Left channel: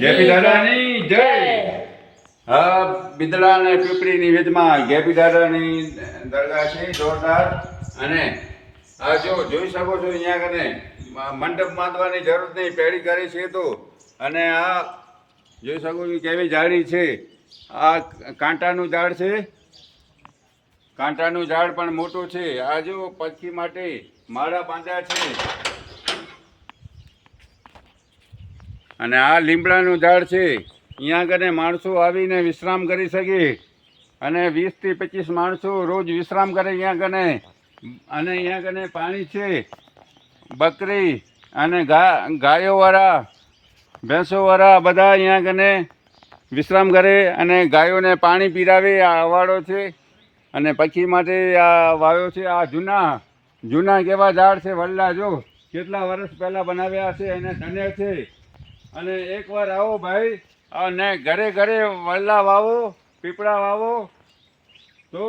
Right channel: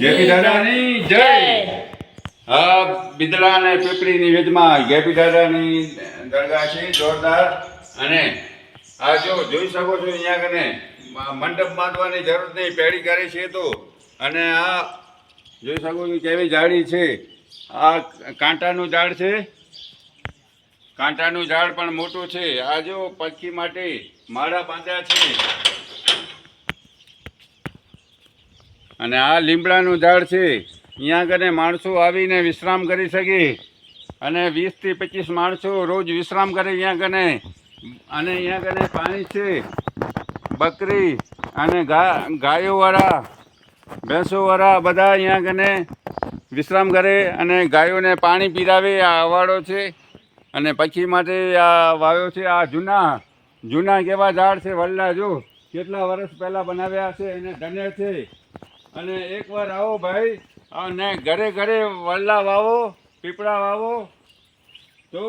JP દાદાની જય. હા, બિદડા અને પીપળીની વેદમાં જેપી દાદાની દરગાહ છે જોરદાર. અને આ જો જોઈ શકો છો અહીંયા કને મંડપ બાંધવાની જરૂર નહીં, પેડી કરે છે તો. અને આ જોઈ શકો છો કેવી ઝાડી છે. આ કાંટાનું ઝાડ છે, કાંટાનું ઝાડ પણ મોટું છે. આ જો પક્ષી માટે માળા બાંધ્યા છે. અને આ લીમડાનું ઝાડ છે. અહીંયા કને માણસો આવીને વિશ્રામ કરી શકે. અને 20 થી 25 માણસો રોજ વિશ્રામ કરે અહીંયા કને. અને અહીંયા કને પાણી છે, બકરી અને ગાયોવાળા, ભેંસોવાળા બધા અહીંયા કને વિશ્રામ કરે અને ગાયોને પાણી પીરાવે. આ અવાડો છે અને પક્ષી માટે આ વાવ્યો છે. આ જૂના કેવા ઝાડ છે, વલ્લા જો કેટલા વર્ષ પહેલાં બનાવ્યા છે અને ધન્ય છે. અને એકવાર આવો ભાઈ, અને ઘરે ઘરે વલ્લા વાવો, પીપળા વાવો તો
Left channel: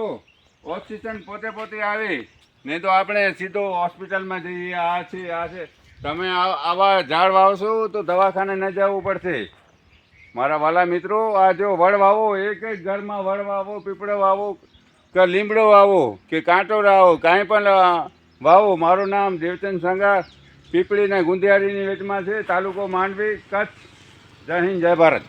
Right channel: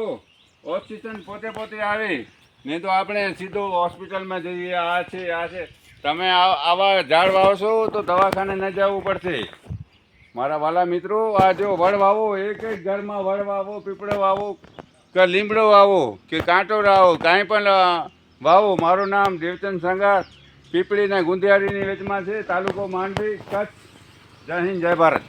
ઓક્સિજન પોતે આવે. નહીં તો આપણે સીધો હોસ્પિટલમાં જઈએ. આ છે તમે આવા ઝાડ વાવશો તો દવાખાને ન જવું પડશે. મારા વાલા મિત્રો, આ જો વડ વાવો, એક ઘરમાં વડ વાવો, પીપળો વાવો કે લીમડો વાવો કે કાંટો વાવો, કાંઈ પણ વાવો. મારું નામ દેવચંદ સંઘાર, પીપળી ને ગુંદિયાળીની વચમાં છે, તાલુકો માંડવી, કચ્છ. જય હિન્દ, જય ભારત.